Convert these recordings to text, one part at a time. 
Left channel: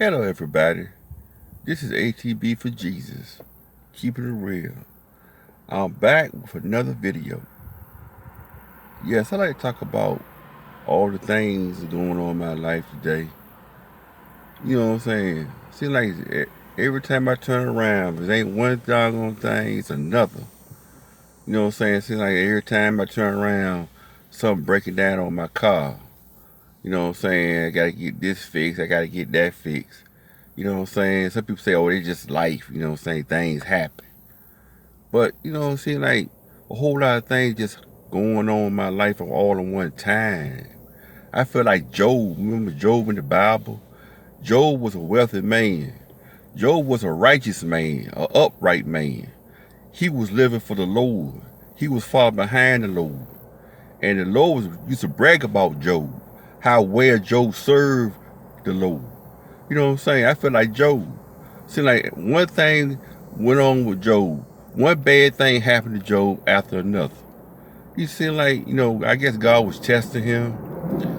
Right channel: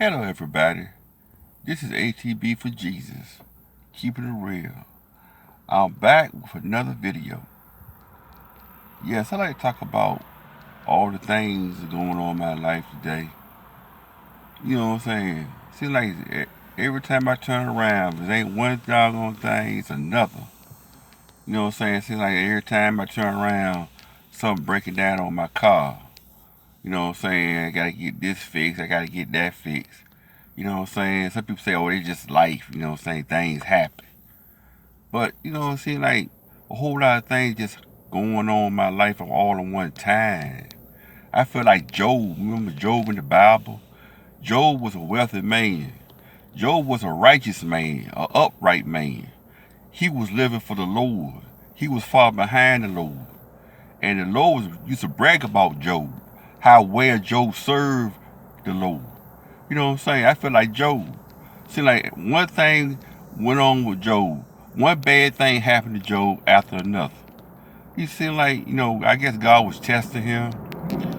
Hello, everybody. This is ATB for Jesus. Keeping it real. I'm back with another video. Yes, I like to talk about all the things going on in my life today. You know what I'm saying? Seems like every time I turn around, it ain't one doggone thing, it's another. You know what I'm saying? Seems like every time I turn around, something breaking down on my car. You know what I'm saying? I gotta get this fixed, I gotta get that fixed. You know what I'm saying? Some people say, oh, it's just life. You know what I'm saying? Things happen. But, you know, it seems like a whole lot of things just going on in my life all at one time. I feel like Job. Remember Job in the Bible? Job was a wealthy man. Job was a righteous man, an upright man. He was living for the Lord. He was far behind the Lord. And the Lord used to brag about Job, how well Job served the Lord. You know what I'm saying? I feel like Job. See, like one thing went on with Job. One bad thing happened to Job after another. You see, like, I guess God was testing him.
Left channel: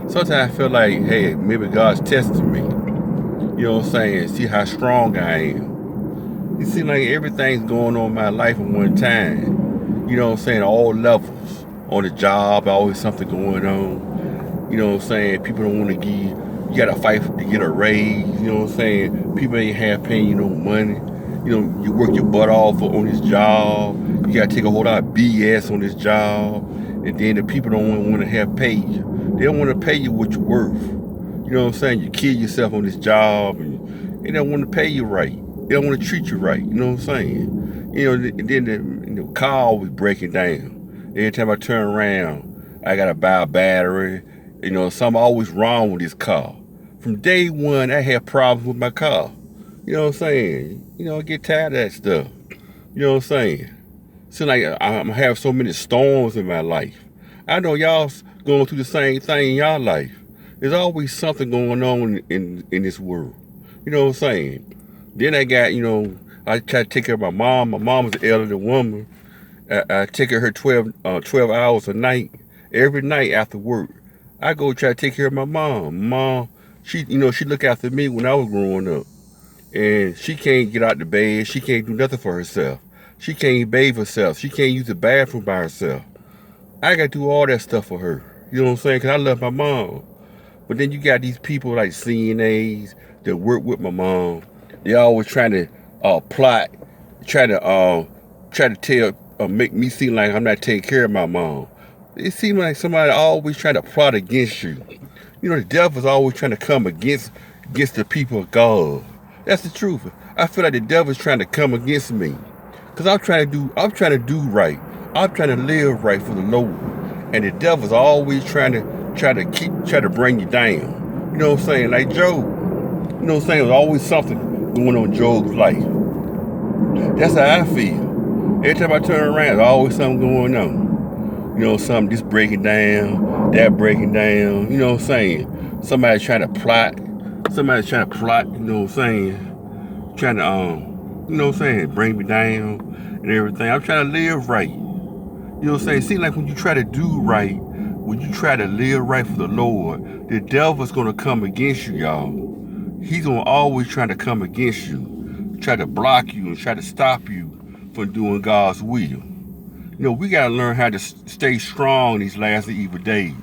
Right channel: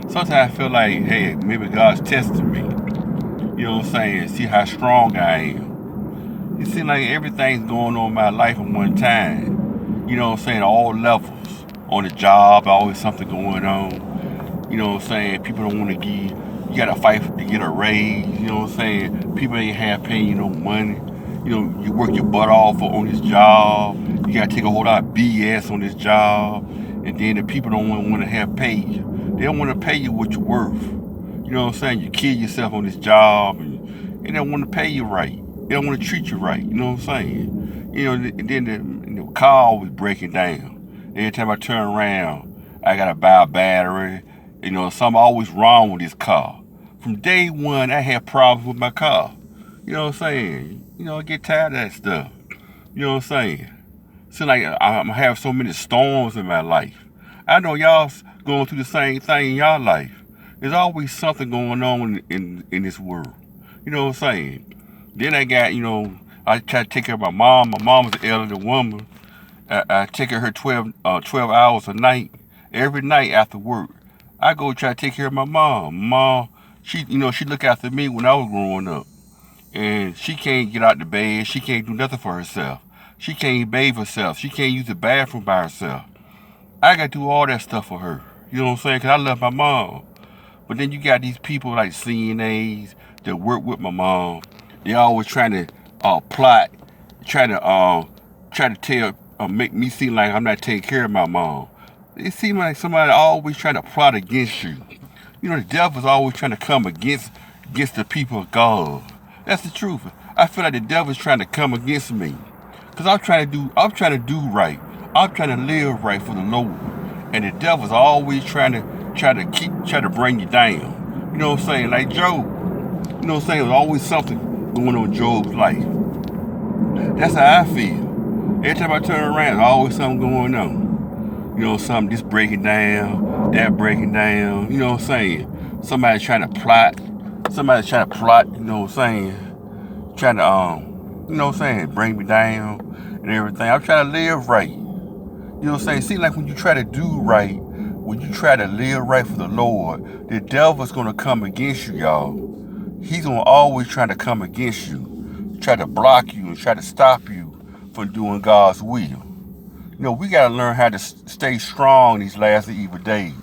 Sometimes I feel like, hey, maybe God's testing me. You know what I'm saying? See how strong I am. You see, like everything's going on in my life at one time. You know what I'm saying? All levels. On the job, always something going on. You know what I'm saying? People don't want to give. You gotta fight to get a raise. You know what I'm saying? People ain't have paying you no money. You know, you work your butt off on this job. You gotta take a whole lot of BS on this job, and then the people don't want to have pay you. They don't want to pay you what you're worth. You know what I'm saying? You kill yourself on this job, and they don't want to pay you right. They don't want to treat you right. You know what I'm saying? And then the car always breaking down. Every time I turn around, I gotta buy a battery. Something always wrong with this car. From day one, I had problems with my car. You know what I'm saying? I get tired of that stuff. You know what I'm saying? Seems like I'm having so many storms in my life. I know y'all going through the same thing in y'all life. There's always something going on in this world. You know what I'm saying? Then I got, I try to take care of my mom. My mom was an elderly woman. I take care of her 12 hours a night, every night after work. I go try to take care of my mom. Mom, she look after me when I was growing up. And she can't get out the bed. She can't do nothing for herself. She can't bathe herself. She can't use the bathroom by herself. I got to do all that stuff for her. You know what I'm saying? Because I love my mom. But then you got these people like CNAs that work with my mom. They always trying to plot, trying to tell, make me seem like I'm not taking care of my mom. It seems like somebody always trying to plot against you. The devil's always trying to come against the people of God. That's the truth. I feel like the devil's trying to come against me. Cause I'm trying to do right. I'm trying to live right for the Lord. And the devil's always trying to bring you down. You know what I'm saying? Like Job. You know what I'm saying? There's always something going on in Job's life. That's how I feel. Every time I turn around, there's always something going on. Something just breaking down, that breaking down. You know what I'm saying? Somebody's trying to plot. Somebody's trying to plot, you know what I'm saying? Trying to, bring me down and everything. I'm trying to live right. You know what I'm saying? Seems like when you try to do right, when you try to live right for the Lord, the devil's going to come against you, y'all. He's going to always try to come against you, try to block you and try to stop you from doing God's will. We got to learn how to stay strong these last and evil days.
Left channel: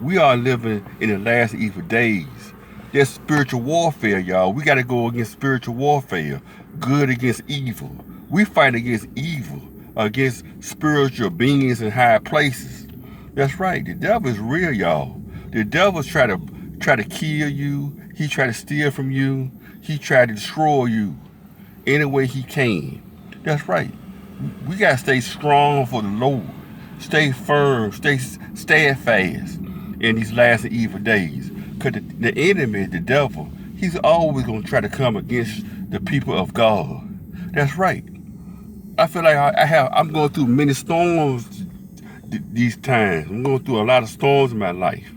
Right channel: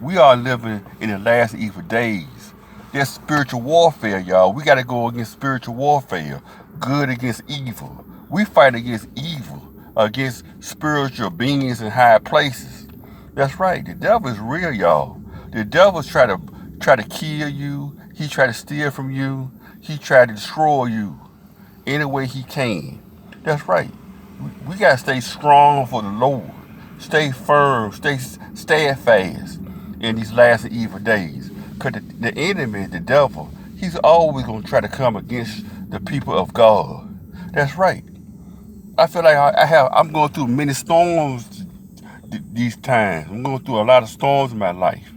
We are living in the last and evil days. There's spiritual warfare, y'all. We got to go against spiritual warfare. Good against evil. We fight against evil, against spiritual beings in high places. That's right. The devil is real, y'all. The devil's try to kill you. He try to steal from you. He try to destroy you any way he can. That's right. We got to stay strong for the Lord. Stay firm. Stay steadfast in these last and evil days. Because the enemy, the devil, he's always going to try to come against the people of God. That's right. I feel like I'm going through many storms these times. I'm going through a lot of storms in my life.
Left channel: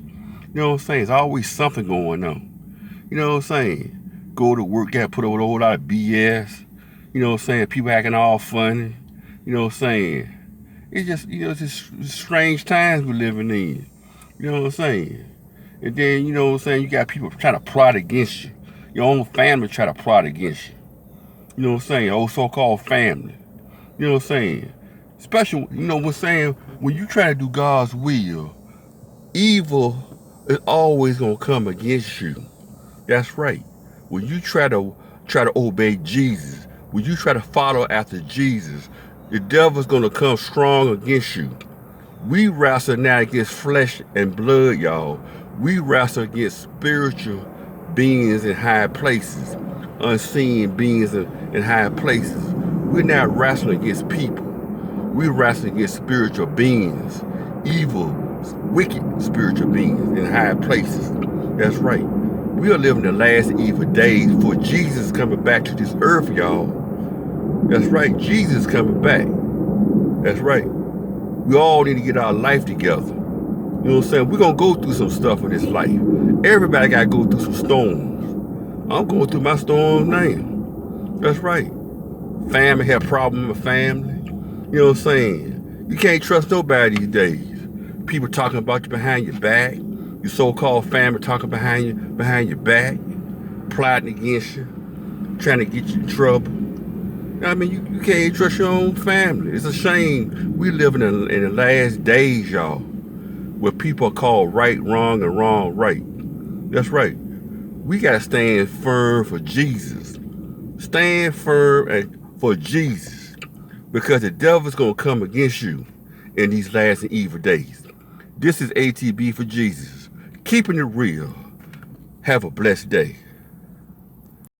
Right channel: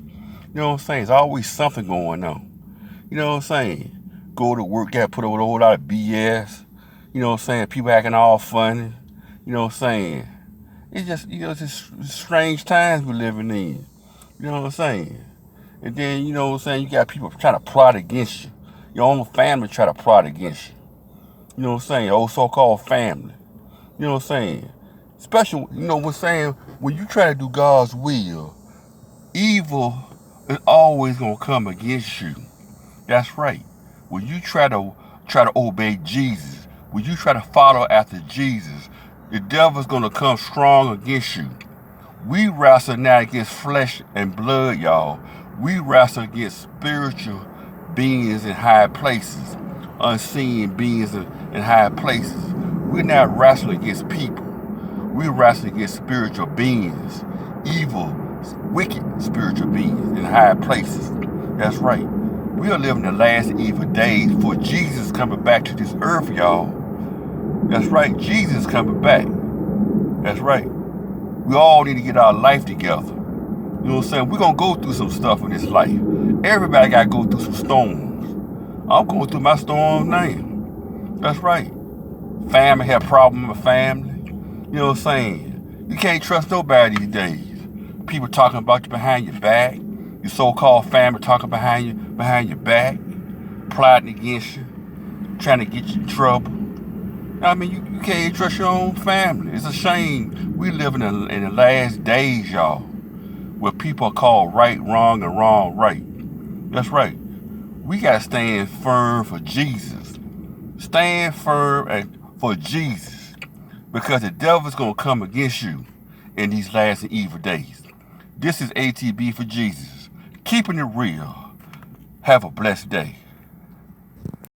You know what I'm saying? There's always something going on. You know what I'm saying? Go to work, got to put up with a whole lot of BS. You know what I'm saying? People acting all funny. You know what I'm saying? It's just, it's just strange times we're living in. You know what I'm saying? And then, you know what I'm saying, you got people trying to plot against you. Your own family try to plot against you. You know what I'm saying? Old so-called family. You know what I'm saying? Especially, you know what I'm saying? When you try to do God's will, evil is always gonna come against you. That's right. When you try to obey Jesus, when you try to follow after Jesus, the devil's gonna come strong against you. We wrestle not against flesh and blood, y'all. We wrestle against spiritual beings in high places, unseen beings in high places. We're not wrestling against people. We're wrestling against spiritual beings, evil, wicked spiritual beings in high places. That's right. We are living the last evil days for Jesus coming back to this earth, y'all. That's right. Jesus coming back. That's right. We all need to get our life together. You know what I'm saying? We're going to go through some stuff in this life. Everybody got to go through some storms. I'm going through my storms now. That's right. Family have problems with family. You know what I'm saying? You can't trust nobody these days. People talking about you behind your back. Your so-called family talking behind your back. Plotting against you. Trying to get you in trouble. I mean, you can't trust your own family. It's a shame. We living in the last days, y'all, where people are called right, wrong, and wrong, right. That's right. We got to stand firm for Jesus. Stand firm for Jesus, because the devil's going to come against you in these last and evil days. This is ATB for Jesus. Keeping it real. Have a blessed day.